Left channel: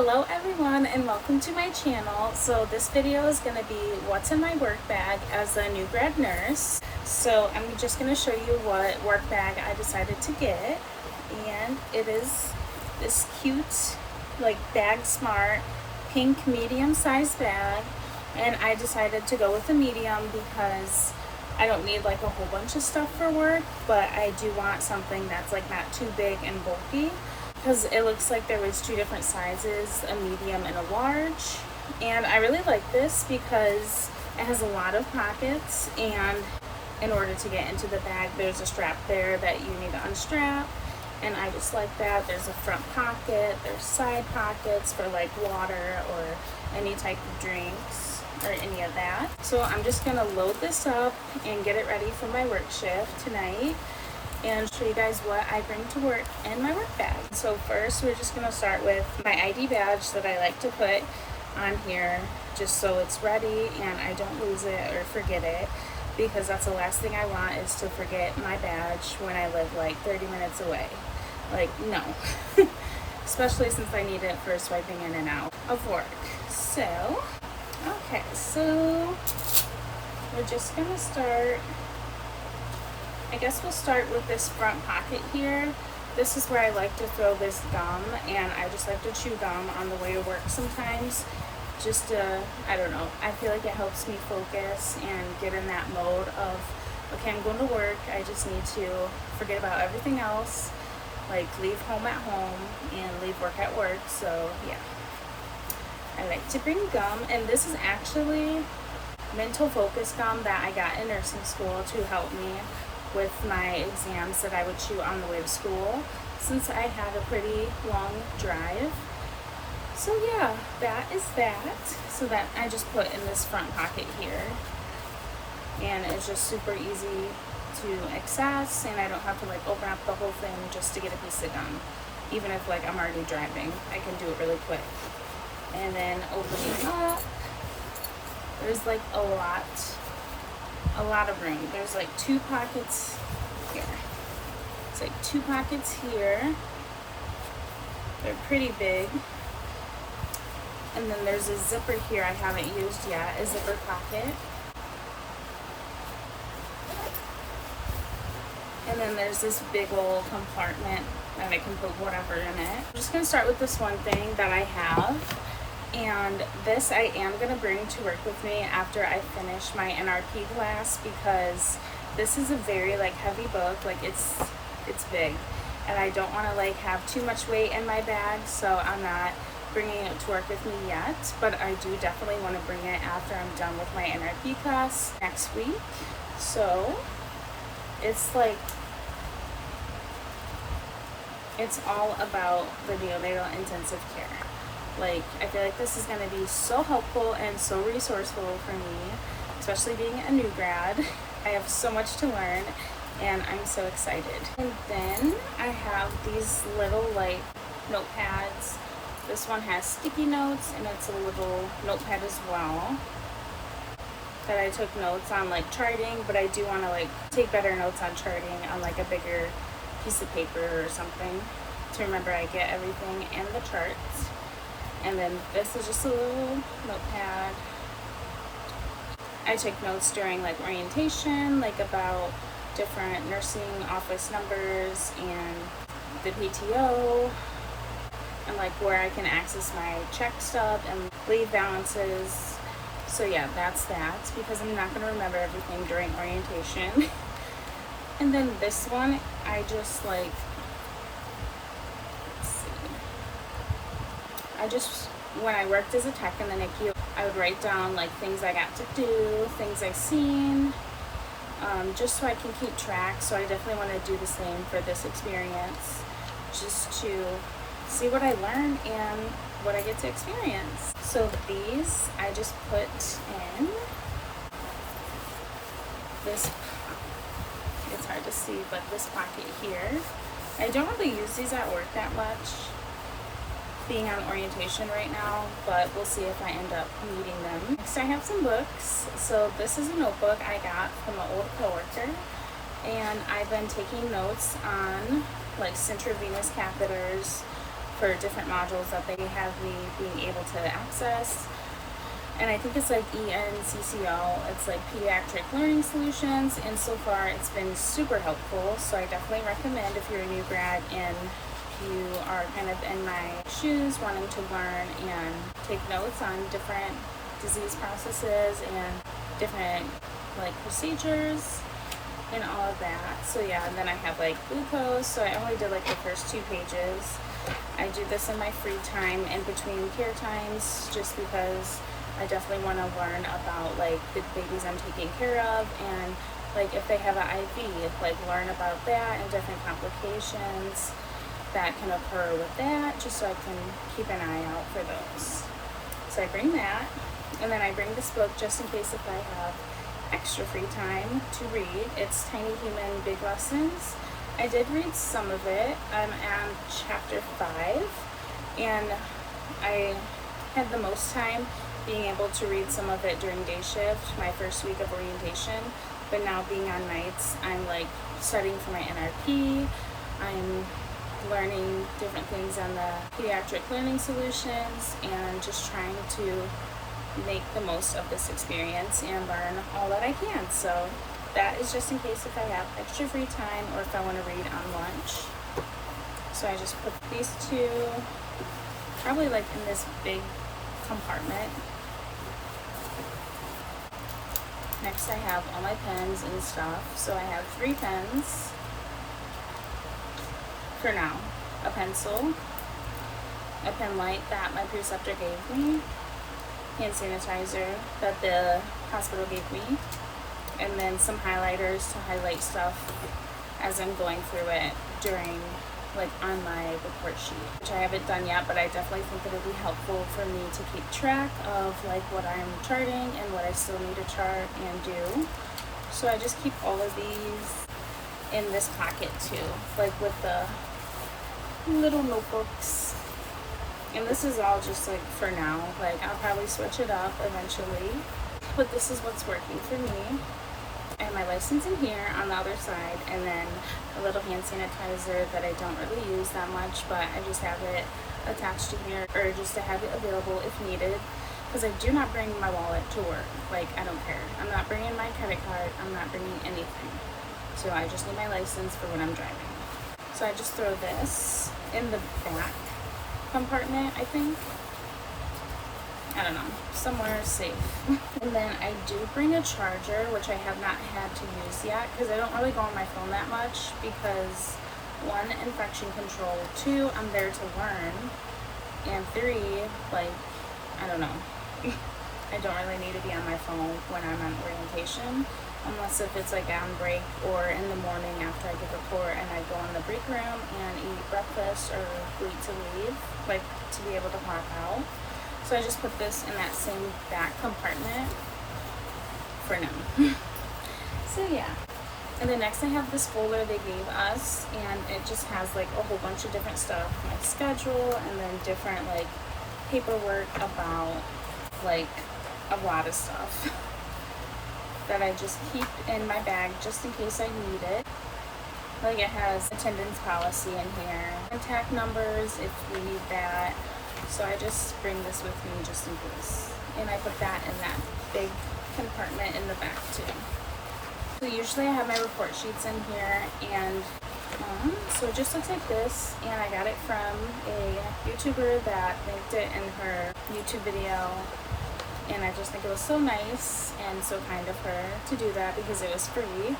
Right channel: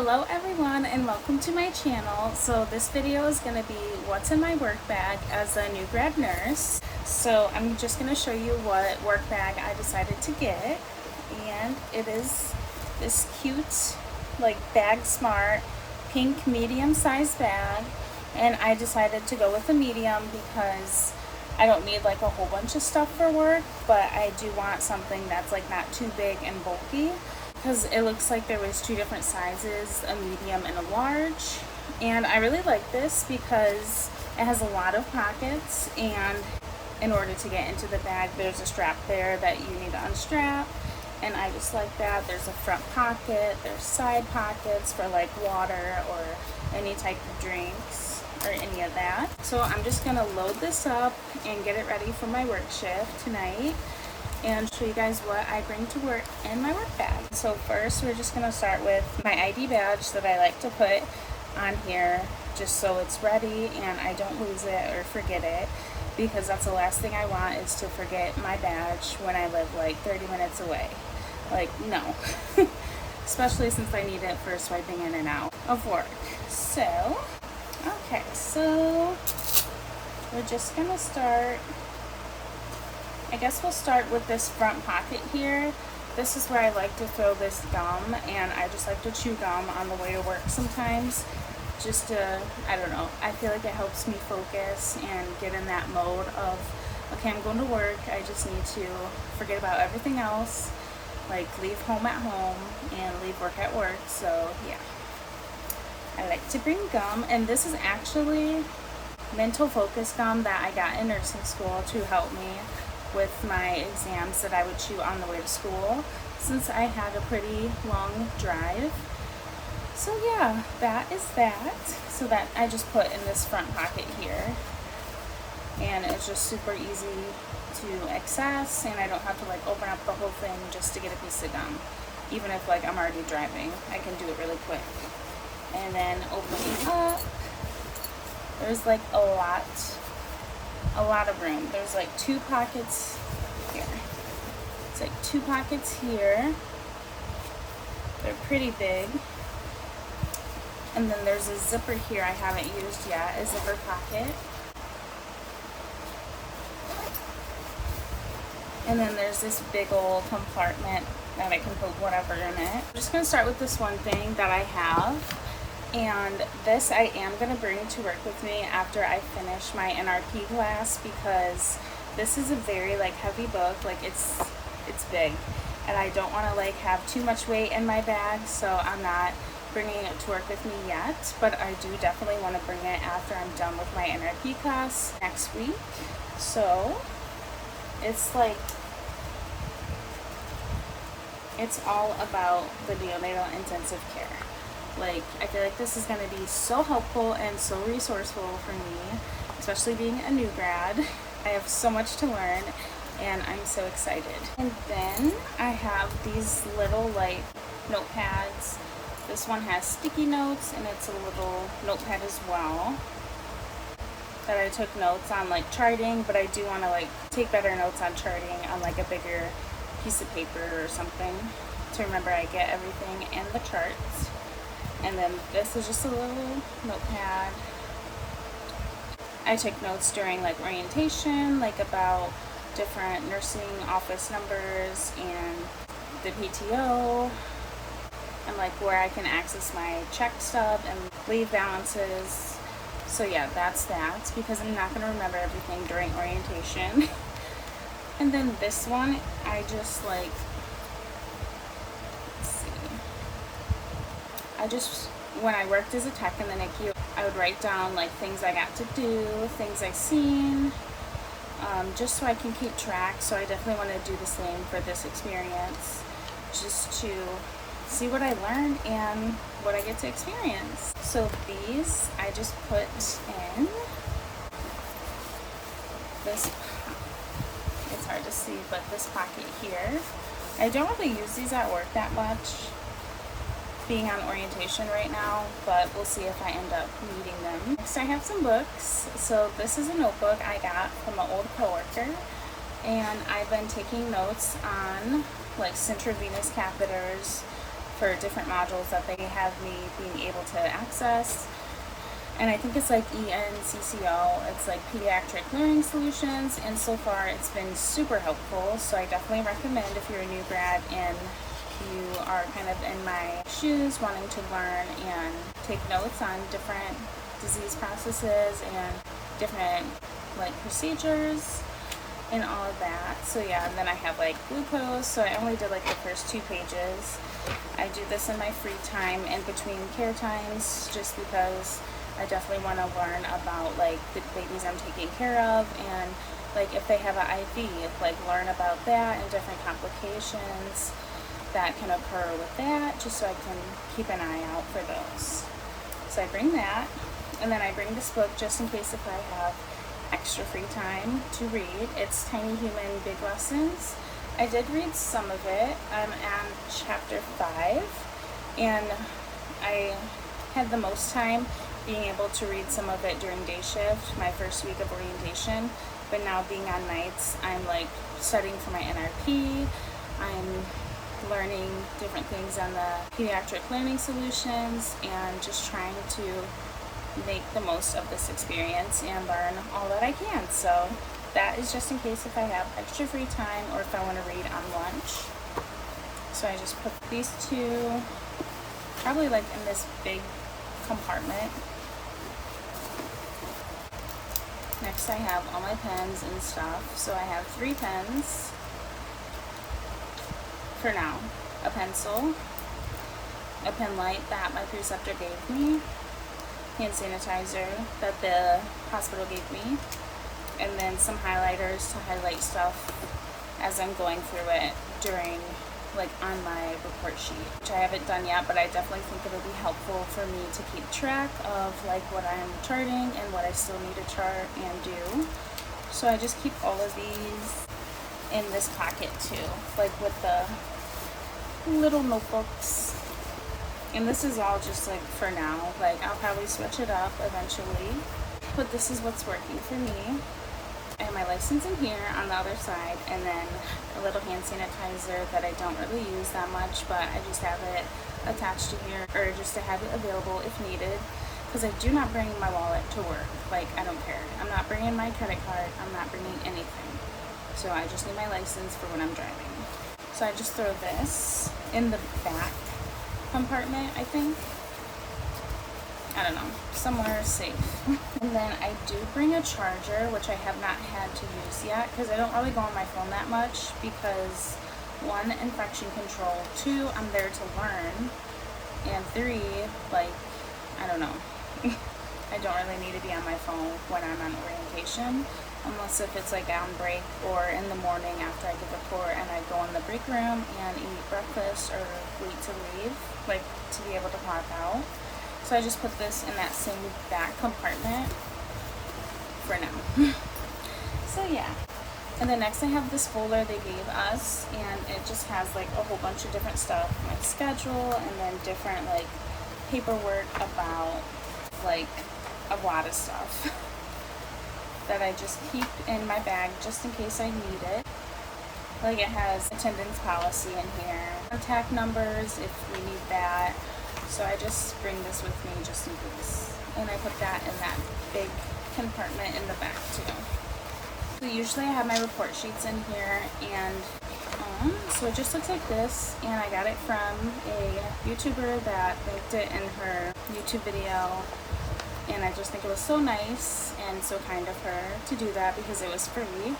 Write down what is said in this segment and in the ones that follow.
Hello everyone and welcome to my channel. So this video is going to be what's in my work bag as a new grad nurse. So I'm just going to show you what work bag I decided to get, and it is this cute like Bag Smart pink medium size bag, and I decided to go with a medium because I don't need like a whole bunch of stuff for work, but I do want something that's like not too big and bulky, because it looks like there was two different sizes, a medium and a large. And I really like this because it has a lot of pockets, and in order to get into the bag there's a strap there that you need to unstrap, and I just like that. There's a front pocket, there's side pockets for like water or any type of drinks or any of that. So I'm just gonna load this up and get it ready for my work shift tonight and show you guys what I bring to work in my work bag. So first we're just gonna start with my ID badge that I like to put on here just so it's ready and I don't lose it or forget it, because that's the last thing I want, is to forget my badge when I live like 30 minutes away. Like, no. Especially since I need it for swiping in and out of work. So, okay, so we're just gonna start. I guess we'll start with this front pocket here. This is where I like to throw this gum, and I just like to chew gum on the way to work sometimes. Just I don't know, I feel like it helps me focus and get in that mode of, okay, I'm going to work, I just need to forget about everything else, like leave home at home and leave work at work. So yeah, I like to bring gum, and this is actually mental focus gum that I got in nursing school to help me with my exams that I would chew on the way to school, since I had a pretty long drive. So yeah, that is that. So that I just put in this front pocket here, and it's just super easy to access, and I don't have to like open up the whole thing just to get a piece of gum. Even if like I'm already driving, I can do it really quick. And then open it up. There's like a lot of room. There's like two pockets here. It's like two pockets here. They're pretty big. And then there's a zipper here I haven't used yet, a zipper pocket. And then there's this big old compartment that I can put whatever in it. I'm just gonna start with this one thing that I have. And this I am going to bring to work with me after I finish my NRP class, because this is a very like heavy book, like it's big, and I don't want to like have too much weight in my bag, so I'm not bringing it to work with me yet, but I do definitely want to bring it after I'm done with my NRP class next week. So it's like, it's all about the neonatal intensive care. Like, I feel like this is going to be so helpful and so resourceful for me, especially being a new grad. I have so much to learn, and I'm so excited. And then I have these little like notepads. This one has sticky notes, and it's a little notepad as well that I took notes on like charting, but I do want to like take better notes on charting on like a bigger piece of paper or something to remember I get everything in the charts. And then this is just a little notepad. I take notes during like orientation, like about different nursing office numbers and the PTO, and like where I can access my check stub and leave balances. So yeah, that's that, because I'm not going to remember everything during orientation. And then this one, I just like, when I worked as a tech in the NICU, I would write down like things I got to do, things I seen, just so I can keep track. So I definitely want to do the same for this experience, just to see what I learn and what I get to experience. So these I just put in this, it's hard to see, but this pocket here. I don't really use these at work that much, being on orientation right now, but we'll see if I end up needing them. Next I have some books. So this is a notebook I got from an old coworker, and I've been taking notes on like intravenous catheters for different modules that they have me being able to access. And I think it's like ENCCO, it's like Pediatric Learning Solutions, and so far it's been super helpful. So I definitely recommend if you're a new grad and you are kind of in my shoes wanting to learn and take notes on different disease processes and different like procedures and all of that. So yeah, and then I have like glucose, so I only did like the first 2 pages. I do this in my free time in between care times just because I definitely want to learn about like the babies I'm taking care of, and like if they have an IV, like learn about that and different complications that can occur with that, just so I can keep an eye out for those. So I bring that, and then I bring this book just in case if I have extra free time to read. It's Tiny Human Big Lessons. I did read some of it. I'm on chapter 5, and I had the most time being able to read some of it during day shift, my first week of orientation, but now being on nights, I'm like studying for my NRP, I'm learning different things on the Pediatric Learning Solutions, and just trying to make the most of this experience and learn all that I can. So that is just in case if I have extra free time or if I want to read on lunch. So I just put these 2 probably like in this big compartment. Next I have all my pens and stuff. So I have 3 pens for now. A pencil, a pen light that my preceptor gave me, hand sanitizer that the hospital gave me, and then some highlighters to highlight stuff as I'm going through it during like on my report sheet, which I haven't done yet, but I definitely think it'll be helpful for me to keep track of like what I'm charting and what I still need to chart and do. So I just keep all of these in this pocket too, like with the little notebooks. And this is all just like for now, like I'll probably switch it up eventually, but this is what's working for me. I have my license in here on the other side, and then a little hand sanitizer that I don't really use that much, but I just have it attached to here, or just to have it available if needed, because I do not bring my wallet to work. Like, I don't care. I'm not bringing my credit card. I'm not bringing anything. So I just need my license for when I'm driving. So I just throw this in the back compartment, I think. I don't know, somewhere safe. And then I do bring a charger, which I have not had to use yet because I don't really go on my phone that much because 1, infection control, 2, I'm there to learn, and 3, like, I don't know. I don't really need to be on my phone when I'm on orientation, unless if it's like on break or in the morning after I give a report and I go in the break room and eat breakfast or wait to leave, like to be able to pop out. So I just put this in that same back compartment for now. So yeah. And then next I have this folder they gave us, and it just has like a whole bunch of different stuff, my schedule, and then different like paperwork about like a lot of stuff that I just keep in my bag just in case I need it. Like it has attendance policy in here, contact numbers if you need that. So I just bring this with me just in case. And I put that in that big compartment in the back too. So usually I have my report sheets in here, and so it just looks like this, and I got it from a YouTuber that linked it in her YouTube video, and I just think it was so nice and so kind of her to do that because it was free.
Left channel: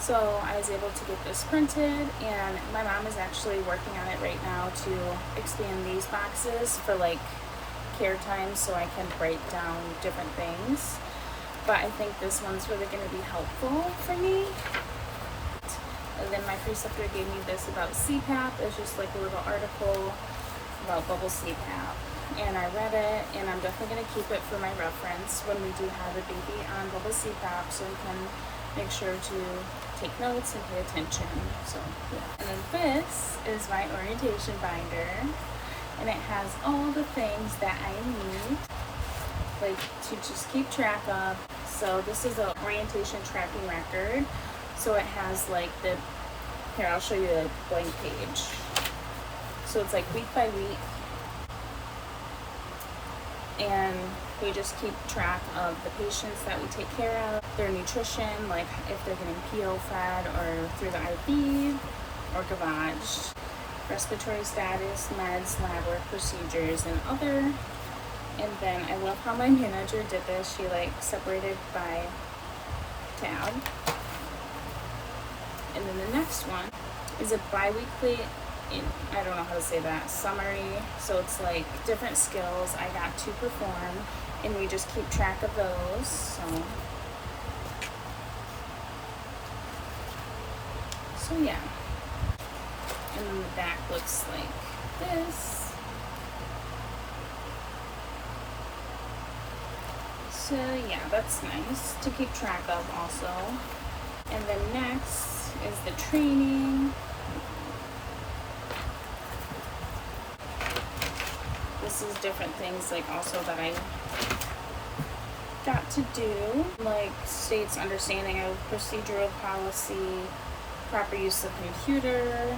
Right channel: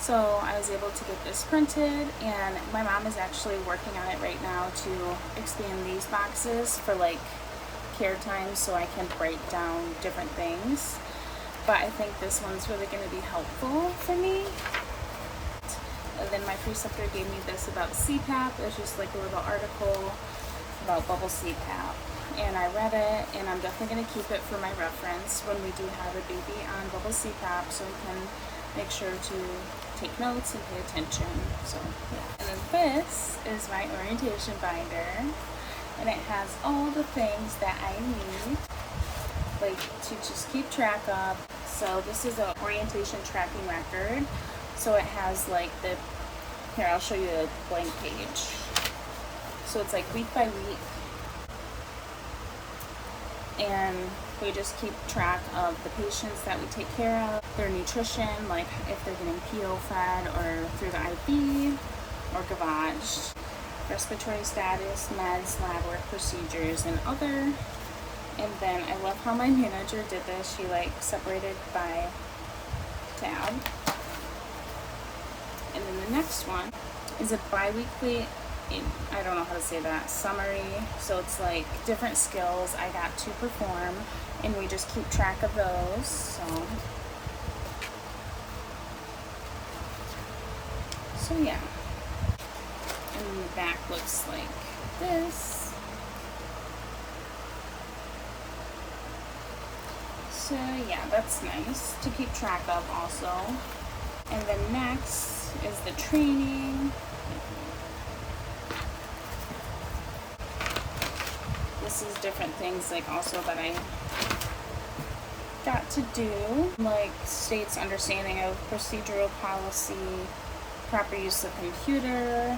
So I was able to get this printed, and my mom is actually working on it right now to expand these boxes for like care time so I can write down different things. But I think this one's really going to be helpful for me. And then my preceptor gave me this about CPAP. It's just like a little article about bubble CPAP. And I read it, and I'm definitely going to keep it for my reference when we do have a baby on bubble CPAP, so we can make sure to take notes and pay attention. So yeah. And then this is my orientation binder, and it has all the things that I need, like to just keep track of. So this is an orientation tracking record. So it has like the, here I'll show you the blank page. So it's like week by week, and we just keep track of the patients that we take care of, their nutrition, like if they're getting PO fed or through the IV or gavage, respiratory status, meds, lab work, procedures, and other. And then I love how my manager did this. She like separated by tab. And then the next one is a bi-weekly, I don't know how to say that, summary. So it's like different skills I got to perform, and we just keep track of those. So yeah. And then the back looks like this. So yeah, that's nice to keep track of also. And then next is the training. This is different things like also that I got to do, like states understanding of procedural policy, proper use of computer,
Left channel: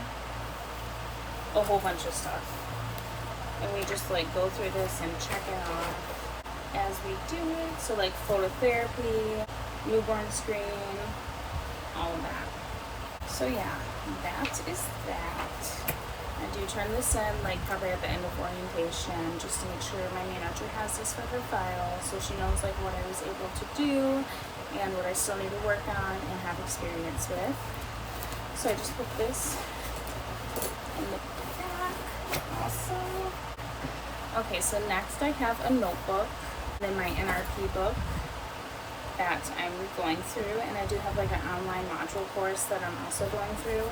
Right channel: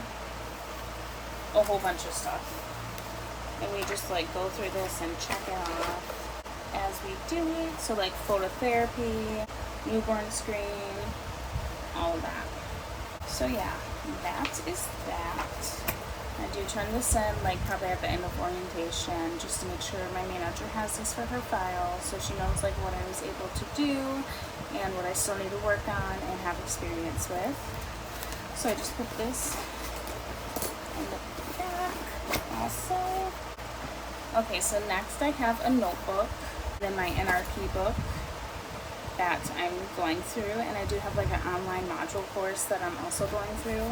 a whole bunch of stuff. And we just like go through this and check it off as we do it. So like phototherapy, newborn screening, all of that. So yeah, that is that. I do turn this in like probably at the end of orientation just to make sure my manager has this for her file, so she knows like what I was able to do and what I still need to work on and have experience with. So I just put this in the back also. Okay, so next I have a notebook, then my NRP book that I'm going through, and I do have like an online module course that I'm also going through.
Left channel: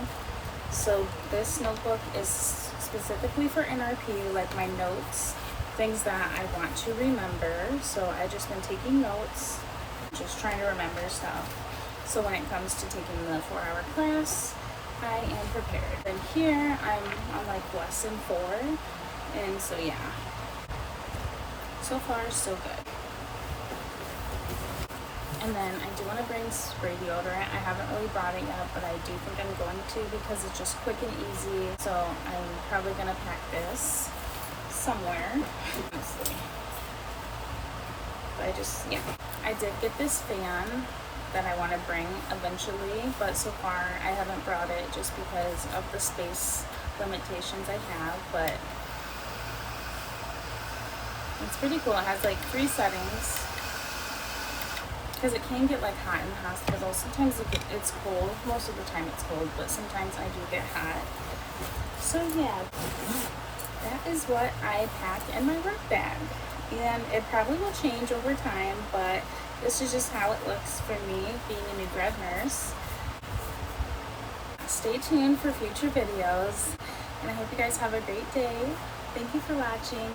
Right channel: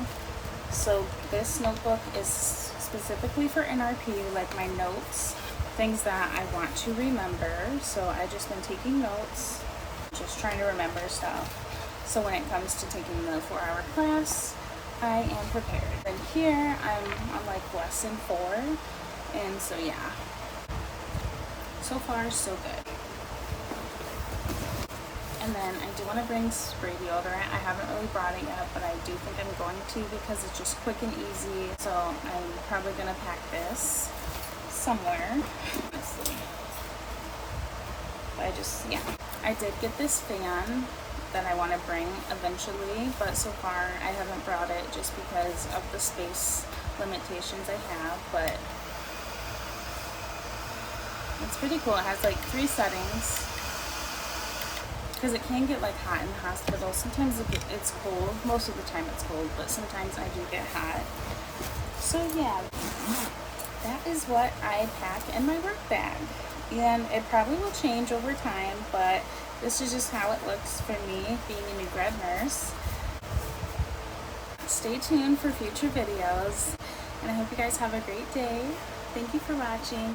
So this notebook is specifically for NRP, like my notes, things that I want to remember. So I just been taking notes, just trying to remember stuff. So when it comes to taking the 4-hour class, I am prepared. And here I'm on like lesson 4, and so yeah. So far, so good. And then I do want to bring spray deodorant. I haven't really brought it yet, but I do think I'm going to because it's just quick and easy. So I'm probably going to pack this somewhere. Let's see. But I did get this fan that I want to bring eventually, but so far I haven't brought it just because of the space limitations I have, but it's pretty cool. It has like 3 settings because it can get like hot in the hospital. Sometimes it's cold. Most of the time it's cold, but sometimes I do get hot. So yeah, that is what I pack in my work bag. And it probably will change over time, but this is just how it looks for me being a new grad nurse. Stay tuned for future videos, and I hope you guys have a great day. Thank you for watching.